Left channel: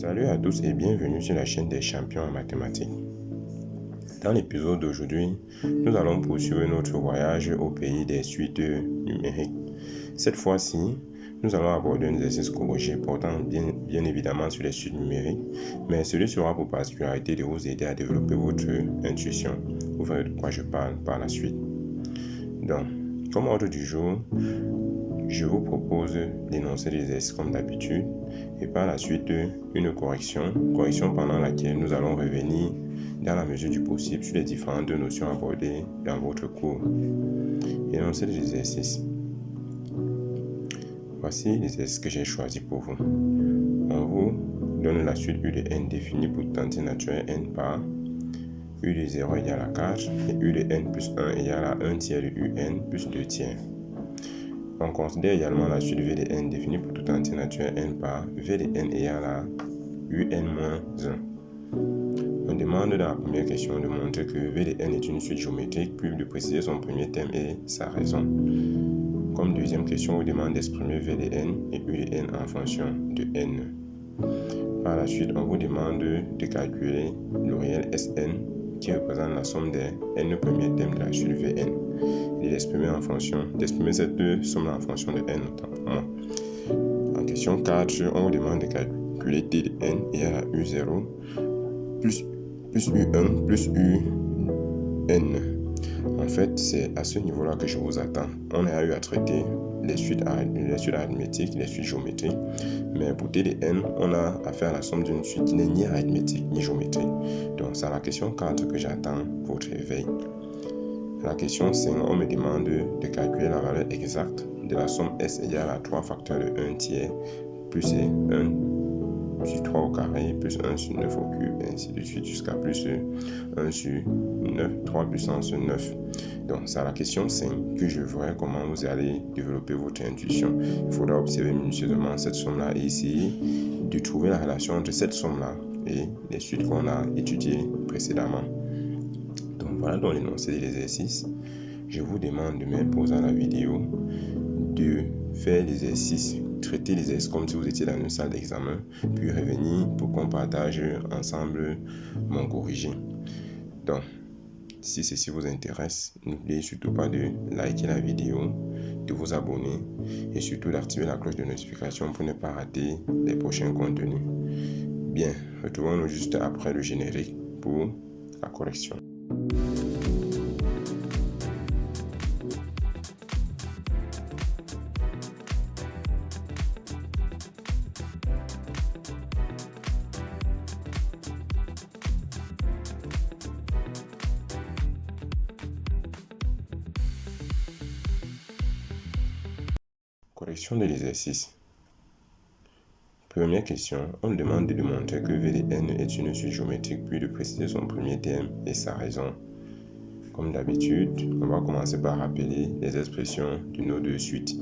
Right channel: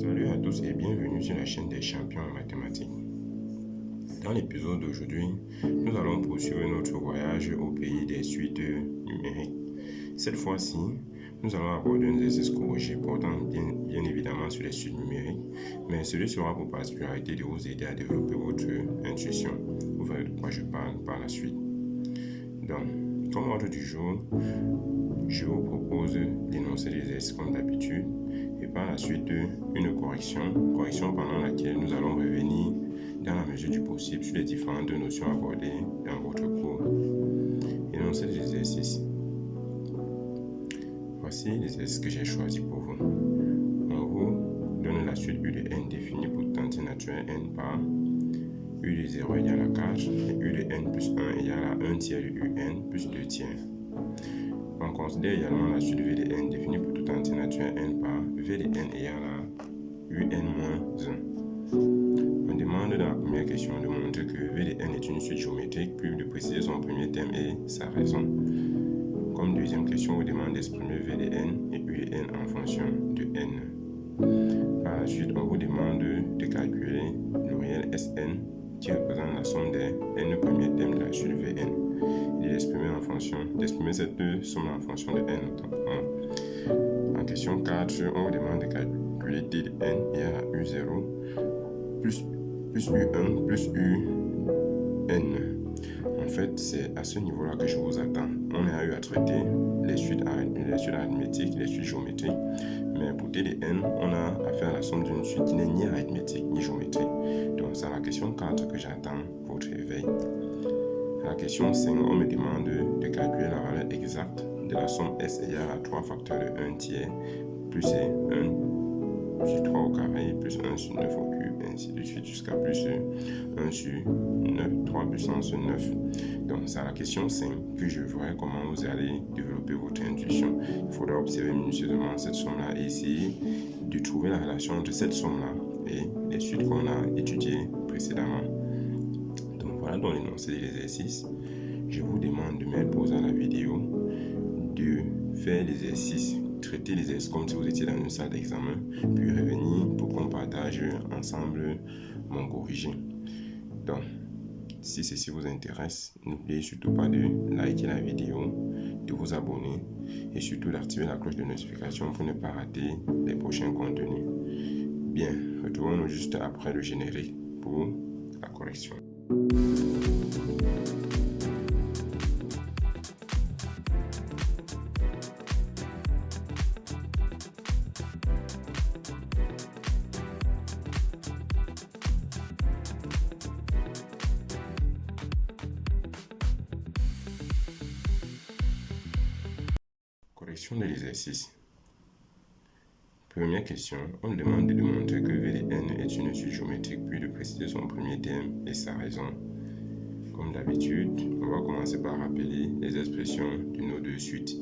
Salut à tous et bienvenue sur la chaîne des champions en mathématiques. Dans l'épisode d'aujourd'hui, nous allons poursuivre notre voyage au pays des suites numériques. Cette fois-ci, nous allons aborder un exercice corrigé portant bien évidemment sur les suites numériques, mais celui sera pour particularité de vous aider à développer votre intuition. Vous verrez de quoi je parle par la suite. Donc, comme ordre du jour, je vous propose d'énoncer les exercices comme d'habitude et par la suite une correction pendant laquelle nous allons revenir dans la mesure du possible sur les différentes notions abordées dans votre cours. Énoncer les exercices. Voici les exercices que j'ai choisis pour vous. On vous donne la suite U de n définie pour toute entière naturelle n par U de 0 égale à 4 et U de n plus 1 égale à 1 tiers de UN plus 2 tiers. On considère également la suite V de n définie pour toute entière naturelle n par V de n égale à UN moins 1. On demande dans la première question de montrer que V de n est une suite géométrique, puis de préciser son premier terme et sa raison. Comme deuxième question, on vous demande d'exprimer V de n et U de n en fonction de n. Par la suite, on vous demande de calculer le réel Sn qui représente la somme des n premiers termes de la suite Vn et d'exprimer cette somme en fonction de n notamment. En question 4, on vous demande de calculer t de n égale à u0 plus u1 plus un. En fait, c'est à ce niveau-là que je vous attends. On a eu à traiter les suites arithmétiques, les suites géométriques, mais pour t de n, on a affaire à la somme d'une suite qui n'est ni arithmétique ni géométrique. Donc, c'est à la question 4 que j'attends votre éveil. À la question 5, on me demande de calculer la valeur exacte de la somme S égale à 3 facteurs de 1 tiers plus 1 sur 3 au carré plus 1 sur 9 au cube, et ainsi de suite jusqu'à plus 1 sur 9, 3 puissance 9. Donc, c'est à la question 5 que je verrai comment vous allez développer votre intuition. Il faudra observer minutieusement cette somme-là et essayer de trouver la relation entre cette somme-là et les suites qu'on a étudiées précédemment. Donc, voilà donc l'énoncé de l'exercice. Je vous demande de mettre pause à la vidéo, de faire l'exercice, traiter l'exercice comme si vous étiez dans une salle d'examen, puis revenir pour qu'on partage ensemble mon corrigé. Donc, si ceci vous intéresse, n'oubliez surtout pas de liker la vidéo, de vous abonner et surtout d'activer la cloche de notification pour ne pas rater les prochains contenus. Bien, retrouvons-nous juste après le générique pour la correction. Correction de l'exercice. Première question, on demande de démontrer que V de n est une suite géométrique, puis de préciser son premier terme et sa raison. Comme d'habitude, on va commencer par rappeler les expressions de nos deux suites.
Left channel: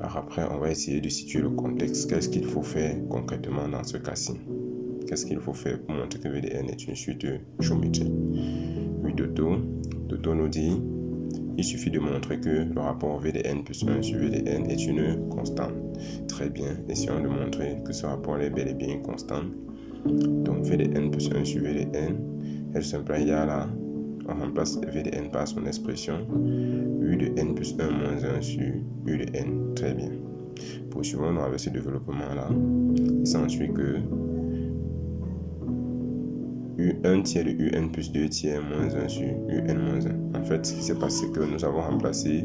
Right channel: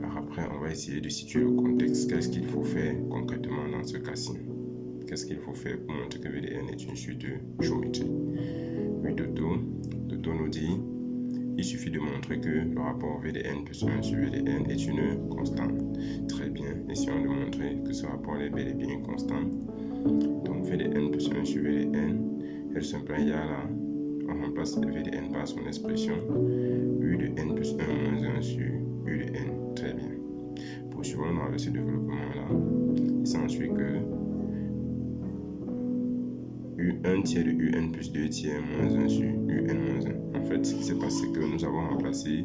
Alors après, on va essayer de situer le contexte. Qu'est-ce qu'il faut faire concrètement dans ce cas-ci? Qu'est-ce qu'il faut faire pour montrer que V de n est une suite géométrique? Oui, Doto nous dit il suffit de montrer que le rapport V de n plus 1 sur V de n est une constante. Très bien, essayons de montrer que ce rapport est bel et bien une constante. Donc V de n plus 1 sur V de n est simplement égal à, on remplace V de n par son expression U de n plus 1 moins 1 sur U de n. Très bien. Poursuivons avec ce développement-là. Il s'ensuit que U1 tiers de UN plus 2 tiers moins 1 sur UN moins 1. En fait, ce qui s'est passé, c'est que nous avons remplacé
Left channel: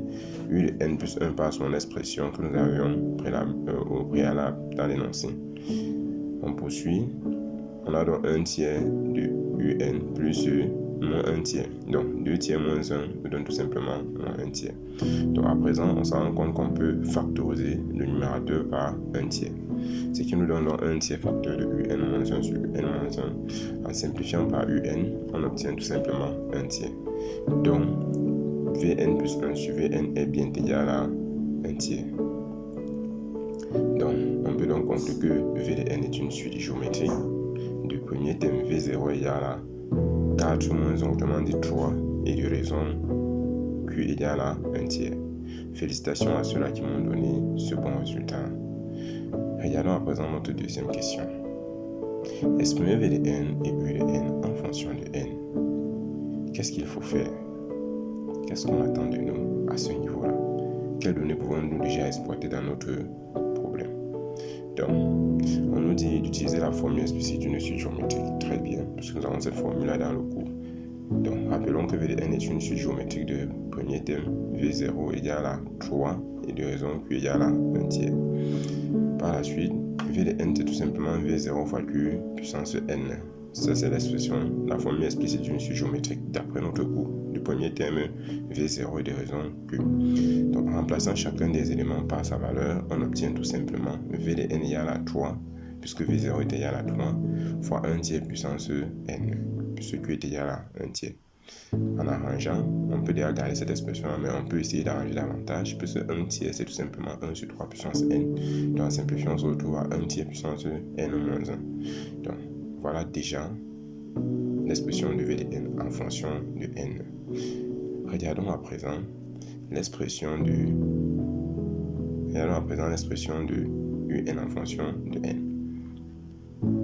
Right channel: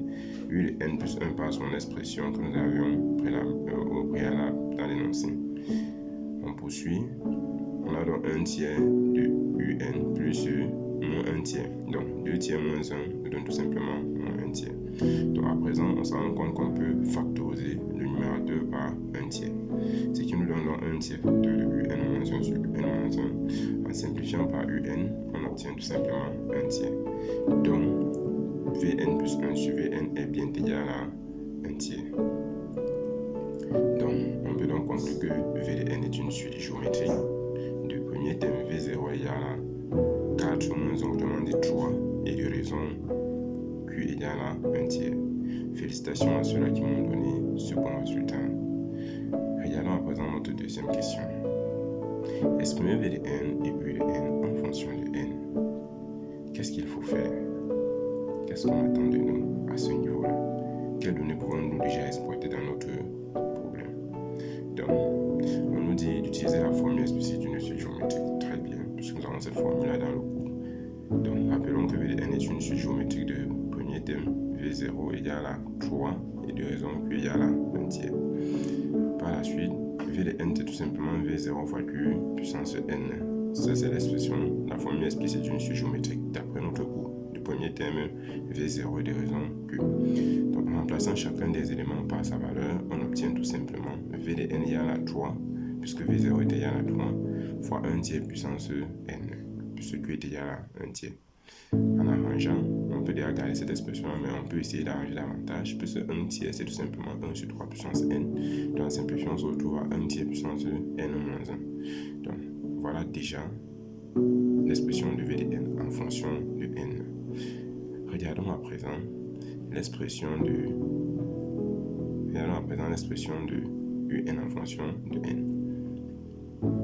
U de n plus 1 par son expression que nous avions au préalable dans l'énoncé. On poursuit. On a donc 1 tiers de UN plus moins 1 tiers. Donc, 2 tiers moins 1 nous donne tout simplement moins 1 tiers. Donc, à présent, on se rend compte qu'on peut factoriser le numérateur par 1 tiers. Ce qui nous donne donc 1 tiers facteur de UN-1 sur UN-1. En simplifiant par UN, on obtient tout simplement 1 tiers. Donc, Vn plus 1 sur Vn est bien égal à 1 tiers. Donc, on peut donc conclure que V de n est une suite géométrique. De premier terme, V0 égale à 4 moins 1, autrement dit 3, et de raison Q égale à 1 tiers. Félicitations à ceux-là qui m'ont donné ce bon résultat. Regardons à présent notre deuxième question. Exprimer V de n et U de n en fonction de n. Qu'est-ce qu'il faut faire? Qu'est-ce qu'on attend de nous à ce niveau-là? Quelles données pouvons-nous déjà exploiter dans notre problème? Donc, on nous dit d'utiliser la formule explicite d'une suite géométrique. Très bien, puisque nous avons cette formule-là dans le cours. Donc, rappelons que V de n est une suite géométrique de premier terme V0 égale à 3 et de raison Q égale à 1 tiers. Par la suite, V de n c'est tout simplement V0 fois Q puissance n. Ça, c'est l'expression, la formule explicite d'une suite géométrique d'après notre cours. Le premier terme V0 et de raison Q. Donc, en remplaçant chacun des éléments par sa valeur, on obtient tout simplement V de n égale à 3, puisque V0 est égal à 3, fois 1 tiers puissance n, puisque Q est égal à 1 tiers. En arrangeant, on peut déjà garder cette expression, mais on peut essayer d'arranger davantage, puisque 1 tiers, c'est tout simplement 1 sur 3 puissance n. Donc, en simplifiant, on se retrouve à 1 tiers puissance n moins 1. Donc, voilà déjà l'expression de V de n en fonction de n. Regardons à présent l'expression de un en fonction de n.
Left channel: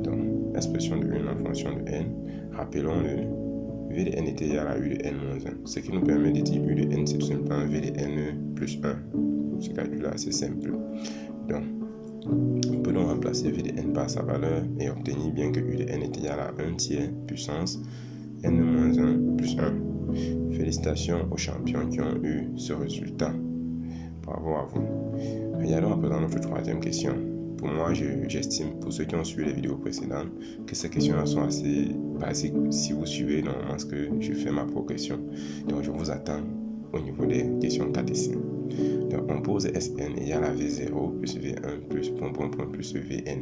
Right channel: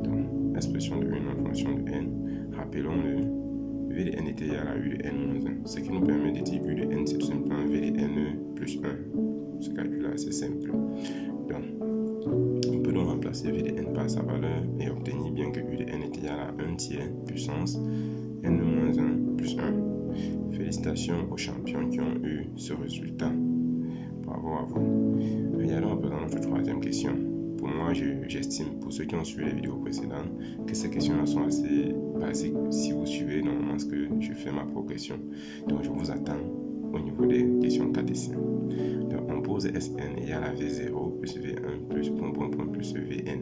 Donc, l'expression de un en fonction de n, rappelons-le, V de n est égal à U de n moins 1. Ce qui nous permet de dire U de n, c'est tout simplement V de n plus 1. Ce calcul-là, c'est simple. Donc, on peut donc remplacer V de n par sa valeur et obtenir bien que U de n est égal à 1 tiers puissance n moins 1 plus 1. Félicitations aux champions qui ont eu ce résultat. Bravo à vous. Regardons à présent notre troisième question. Pour moi, j'estime, pour ceux qui ont suivi les vidéos précédentes, que ces questions-là sont assez basiques si vous suivez normalement ce que je fais ma progression. Donc, je vous attends au niveau des questions 4 et 5. Donc, on pose Sn égale à V0 plus V1 plus plus Vn.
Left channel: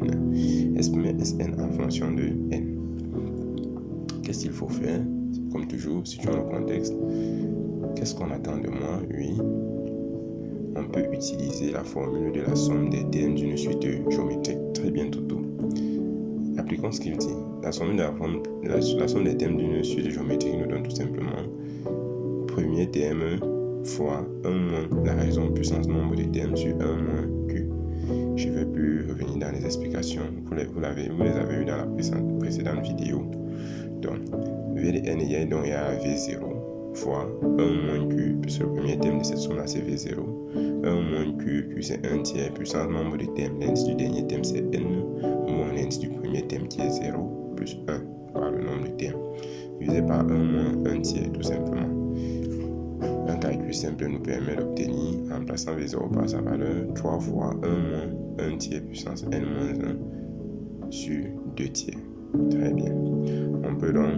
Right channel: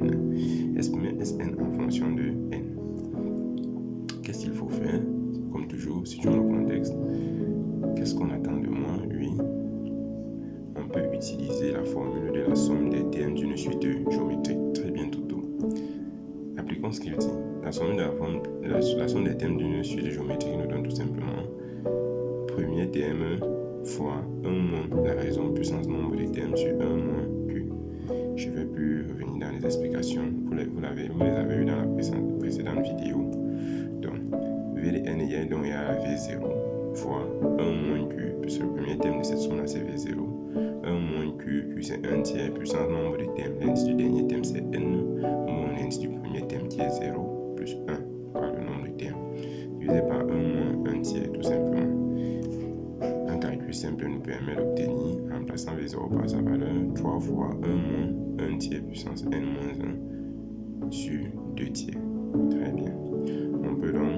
Exprimer Sn en fonction de n. Qu'est-ce qu'il faut faire? Comme toujours, situons le contexte. Qu'est-ce qu'on attend de moi? Oui. On peut utiliser la formule de la somme des termes d'une suite géométrique. Très bien, Toto. Appliquons ce qu'il dit. La somme des termes d'une suite géométrique nous donne tout simplement premier terme fois 1 moins la raison puissance nombre de termes sur 1 moins Q. Je ne vais plus revenir dans les explications. Vous les avez eues dans la précédente vidéo. Donc, V de n égale donc à V0 fois 1 moins Q, puisque le premier terme de cette somme-là c'est V0. 1 moins Q c'est 1 tiers, puissance nombre de termes. L'indice du dernier terme c'est n, moins l'indice du premier terme qui est 0, plus 1, par le nombre de termes. Divisé par 1 moins 1 tiers, tout simplement. Un calcul simple nous permet d'obtenir, en remplaçant V0 par sa valeur, 3 fois 1 moins 1 tiers puissance n moins 1 sur 2 tiers. Très bien. On peut donc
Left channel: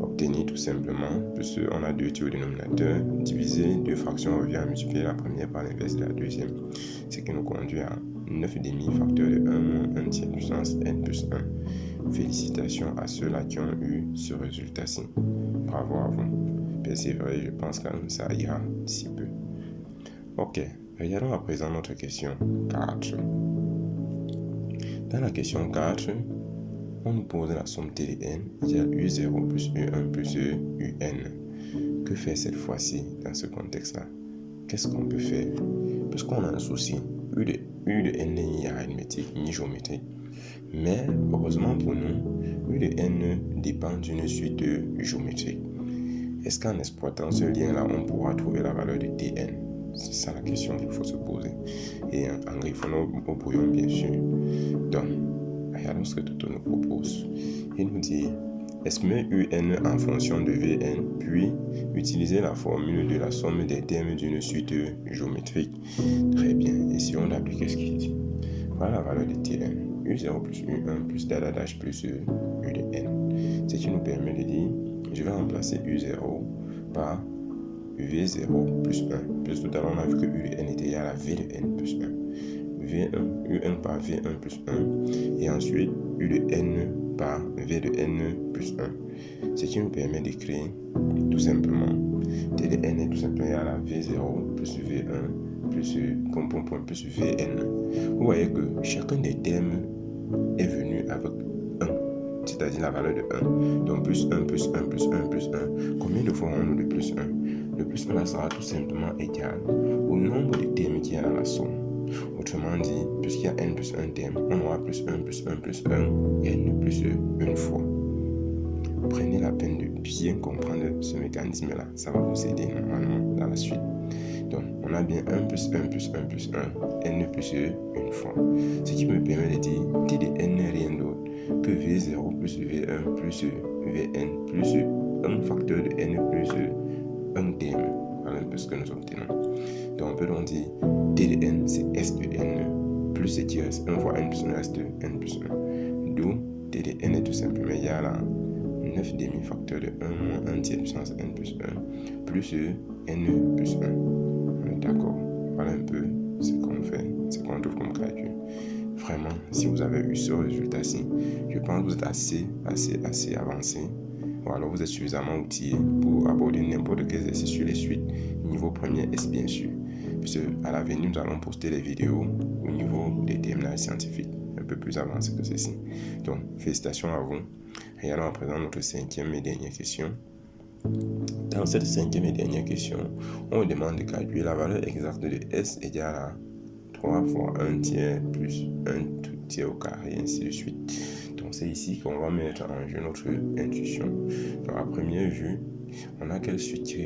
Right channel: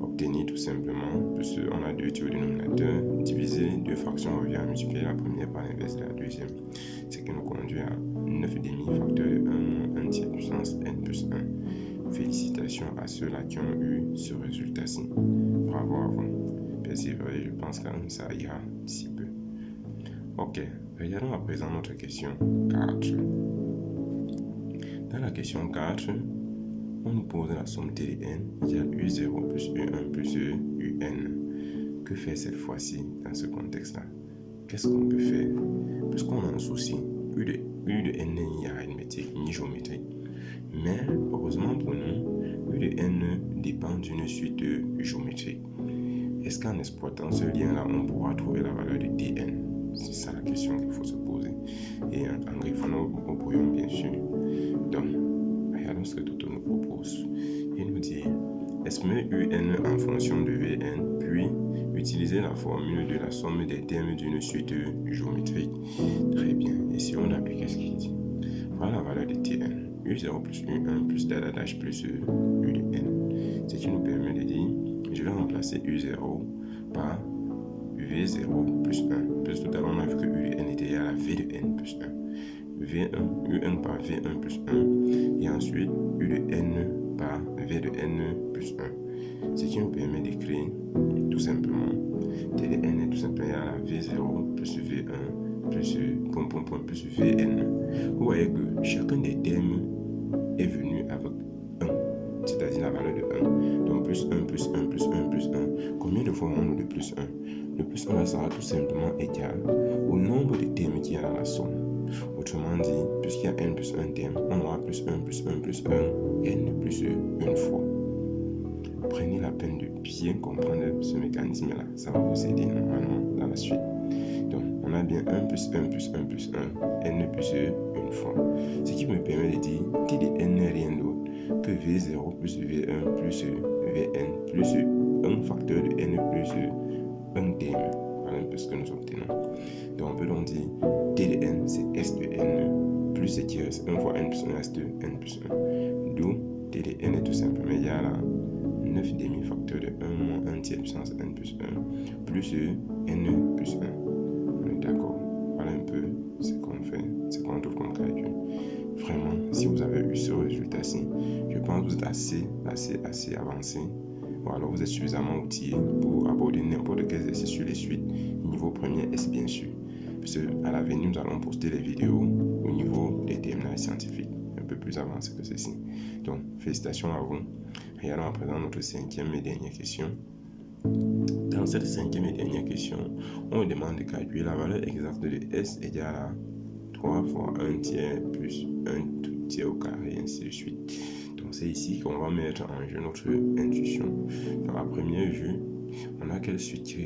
obtenir tout simplement, puisqu'on a 2 tiers au dénominateur, diviser 2 fractions revient à multiplier la première par l'inverse de la deuxième, ce qui nous conduit à 9,5 facteur de 1 moins 1 tiers puissance n plus 1. Félicitations à ceux-là qui ont eu ce résultat-ci. Bravo à vous. Persévérez, je pense que ça ira d'ici peu. Ok, regardons à présent notre question 4. Dans la question 4, on nous pose la somme T de n égale U0 plus U1 plus UN. Que faire cette fois-ci dans ce contexte-là? Qu'est-ce qu'on peut faire? Puisqu'on a un souci, U de n n'est ni arithmétique ni géométrique. Mais heureusement pour nous, U de n dépend d'une suite géométrique. Est-ce qu'en exploitant ce lien-là, on pourra trouver la valeur de Tn? C'est ça la question qu'il faut se poser. Et en griffonnant au brouillon, bien sûr. Donc, regardons ce que Toto nous propose. Il nous dit exprimer UN en fonction de Vn, puis utiliser la formule de la somme des termes d'une suite géométrique. Très bien. Essayons d'appliquer ce qu'il dit. Voilà la valeur de Tn. U0 plus U1 plus dadadash plus U de n. Ce qui nous permet de dire, je vais remplacer U0 par V0 plus 1. Plus tout à l'heure, on a vu que U de n était égal à V de n plus 1. U1 par V1 plus 1. Et ensuite, U de n par V de n plus 1. Ce qui nous permet d'écrire tout simplement T de n est tout simplement égal à V0 plus V1 plus plus Vn. Vous voyez que chacun des termes est venu avec 1, c'est-à-dire la valeur de 1. Donc plus 1, plus 1, plus 1, plus 1. Combien de fois on a le plus 1? Le plus 1 là sera tout simplement égal au nombre de termes qui est dans la somme. Autrement dit, puisqu'il y a n plus un terme, on aura plus 1 plus 1 plus 1, n plus une fois. Prenez la peine de bien comprendre ce mécanisme-là. Ça va vous aider normalement dans la suite. Donc, on a bien 1 plus 1 plus 1 plus 1, n plus une fois. Ce qui me permet de dire t de n n'est rien d'autre que v0 plus v1 plus vn plus un facteur de n plus un terme. Voilà un peu ce que nous obtenons. Donc, on peut donc dire t de n, c'est s de n plus ce qui reste 1 fois n plus 1 reste n plus 1. D'où t de n est tout simplement égal à 9 demi-facteurs de 1 moins 1 tiers puissance n plus 1 plus n plus 1. D'accord. Voilà un peu ce qu'on fait, ce qu'on trouve comme calcul. Vraiment, si vous avez eu ce résultat-ci, je pense que vous êtes assez avancé. Ou alors vous êtes suffisamment outillé pour aborder n'importe quel exercice sur les suites, niveau premier S bien sûr. Parce qu'à l'avenir, nous allons poster les vidéos au niveau des terminales scientifiques, un peu plus avancées que ceci. Donc, félicitations à vous. Regardons à présent notre cinquième et dernière question. Dans cette cinquième et dernière question, on vous demande de calculer la valeur exacte de S égale à 3 fois 1 tiers plus 1 tout tiers au carré, et ainsi de suite. Donc c'est ici qu'on va mettre en jeu notre intuition. Dans la première vue, on a quelle suite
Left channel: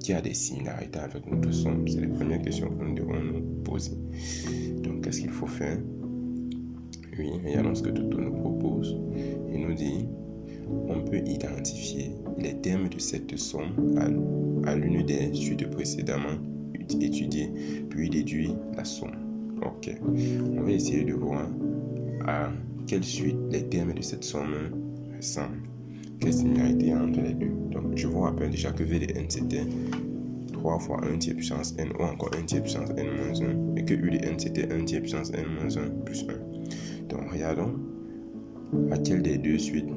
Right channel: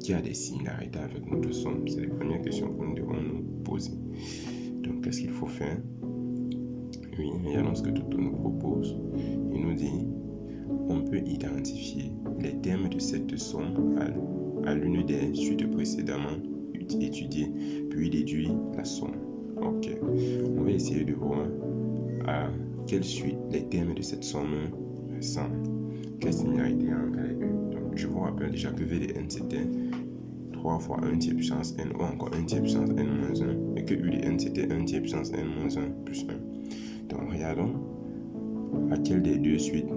qui a des similarités avec notre somme? C'est la première question que nous devons nous poser. Donc qu'est-ce qu'il faut faire? Oui, regardons ce que Toto nous propose. Il nous dit, on peut identifier les termes de cette somme à l'une des suites précédemment étudiées, puis déduire la somme. Ok, on va essayer de voir à quelle suite les termes de cette somme ressemblent. Quelle similarité entre les deux? Donc, je vous rappelle déjà que V de n c'était 3 fois 1 tiers puissance n ou encore 1 tiers puissance n moins 1 et que U de n c'était 1 tiers puissance n moins 1 plus 1. Donc, regardons à quelle des deux suites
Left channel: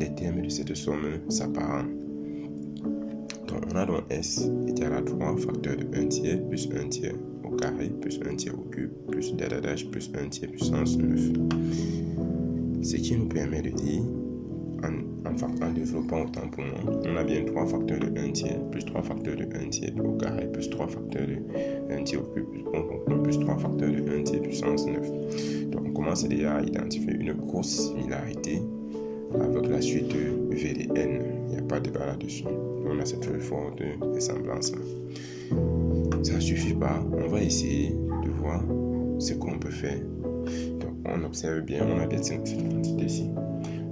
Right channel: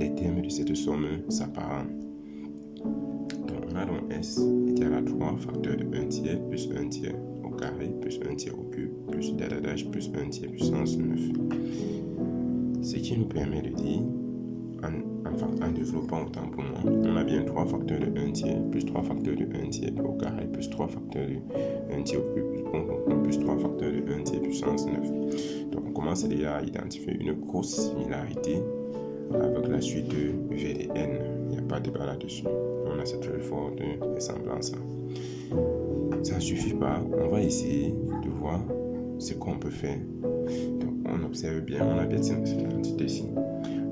les termes de cette somme s'apparentent. Donc, on a donc S égale à 3 facteurs de 1 tiers plus 1 tiers au carré plus 1 tiers au cube plus dadadash plus 1 tiers puissance 9. Ce qui nous permet de dire, en développant autant pour moi, on a bien 3 facteurs de 1 tiers plus 3 facteurs de 1 tiers au carré plus 3 facteurs de 1 tiers au cube plus 3 facteurs de 1 tiers puissance 9. Donc, on commence déjà à identifier une grosse similarité avec la suite de V de n. Il n'y a pas de débat là-dessus. On a cette forte ressemblance-là. Ça ne suffit pas. On va essayer de voir ce qu'on peut faire. Donc, on observe bien, on a bien cette quantité-ci.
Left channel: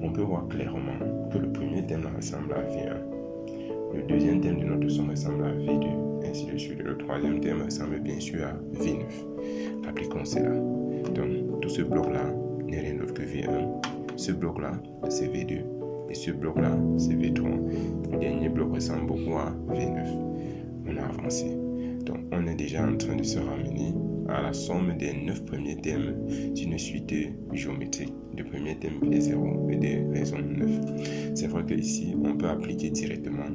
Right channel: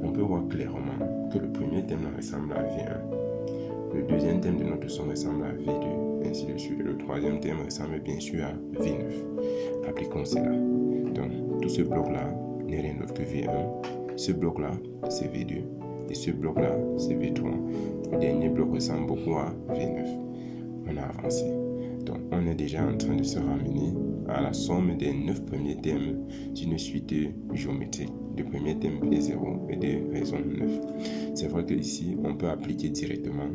On peut voir clairement que le premier terme ressemble à V1. Le deuxième terme de notre somme ressemble à V2, ainsi de suite. Le troisième terme ressemble bien sûr à V9. Appliquons cela. Donc, tout ce bloc-là n'est rien d'autre que V1. Ce bloc-là, c'est V2. Et ce bloc-là, c'est V3. Le dernier bloc ressemble beaucoup à V9. On a avancé. Donc, on est déjà en train de se ramener à la somme des 9 premiers termes d'une suite géométrique. De premier terme V0 et de raison 9. C'est vrai qu'ici, on peut appliquer directement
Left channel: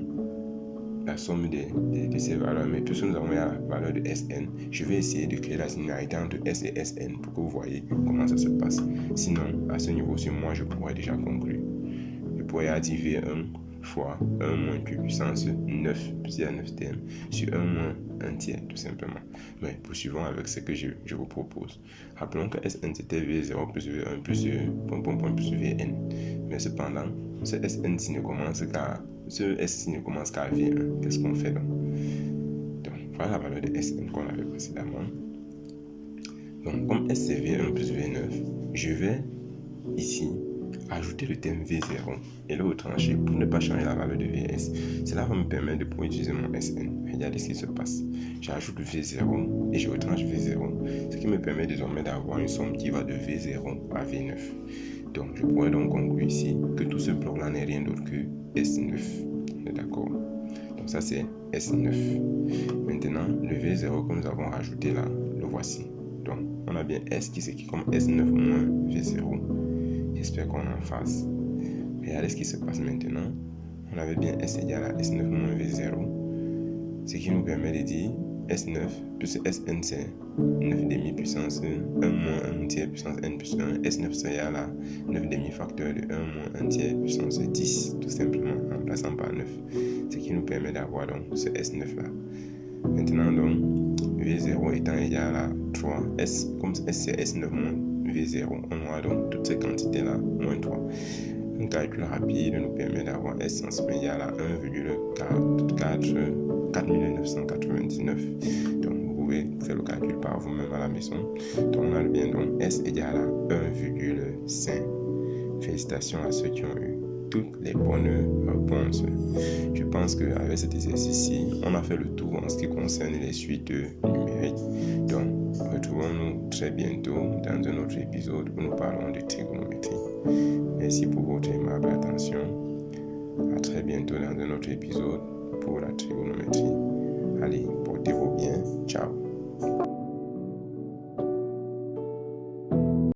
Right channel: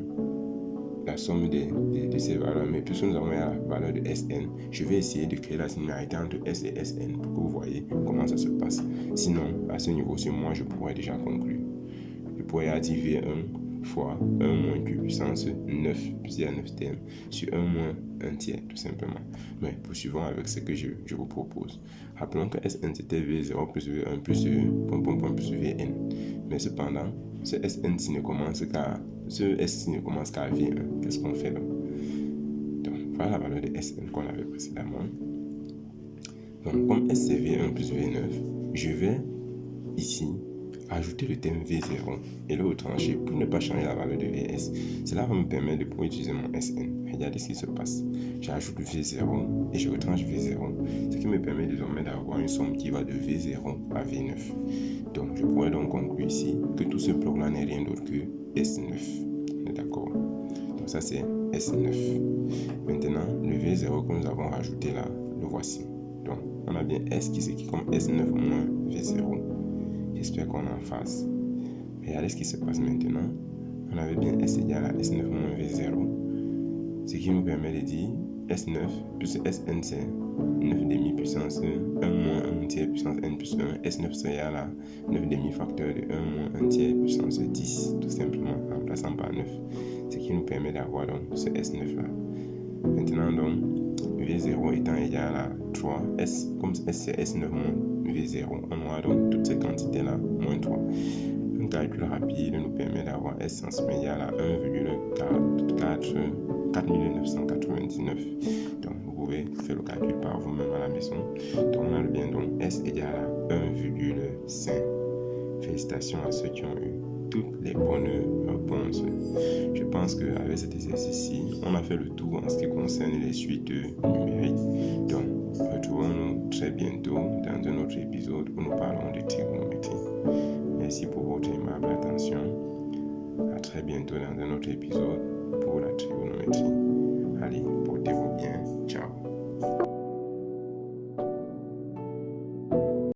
la somme de ces valeurs, mais puisque nous avons la valeur de Sn, je vais essayer de créer la similarité entre S et Sn pour que vous voyez comment ça se passe. Sinon, à ce niveau-ci, moi, je pourrais déjà conclure. Je pourrais dire V1 fois 1 moins Q puissance 9, puisqu'il y a 9 termes, sur 1 moins 1 tiers, tout simplement. Mais poursuivons avec ce que je vous propose. Rappelons que Sn c'était V0 plus V1 plus plus Vn. Mais cependant, ce Sn ne commence qu'à V1. Qu'est-ce qu'on fait donc? Donc, voilà la valeur de Sn qu'on avait précédemment. Donc, comme S c'est V1 plus V9, je vais ici ajouter le terme V0 et le retrancher pour ne pas changer la valeur de Vs. Cela va me permettre de pouvoir utiliser mon Sn. Regardez ce qui se passe. J'ajoute V0 et je retranche V0. Ce qui me permet désormais d'avoir une somme qui va de V0 à V9. Donc, je pourrais donc conclure ici que tout ce bloc-là n'est rien d'autre que S9. D'accord? Donc, ça, c'est S9. Maintenant, le V0 que nous avons rajouté là, le voici. Donc, on a bien S qui s'écrit comme S9 moins V0. J'espère qu'on est en phase. Regardez ce qui se passe maintenant. On avait bien S égale à S9 moins V0. Ce qui nous permet de dire S9 plus Sn c'est 9 demi puissance 1 moins 1 tiers puissance n plus 1. S9 c'est égal à 9 demi facteur de 1 moins 1 tiers puissance 10. Tout simplement en remplaçant par 9. Ce qui nous permet d'avoir donc ce S9 là. Maintenant donc, V0 étant égal à 3, S, comme S c'est S9 moins V0, on aura donc toutes ces quantités-là moins 3. Un calcul rapide nous permet d'avoir S en somme égal à 1,4999. Donc vous pouvez faire le calcul par vous-même à la maison. Donc on a bien donc S égal à 1,5. Félicitations à ceux qui ont eu toutes les bonnes réponses. Je pense qu'avec cet exercice-ci, on a fait le tour en ce qui concerne les suites numériques. Donc, retrouvons-nous très bientôt dans un autre épisode où nous parlons de trigonométrie. Merci pour votre aimable attention. À très bientôt dans un autre épisode pour la trigonométrie. Allez, portez-vous bien. Ciao.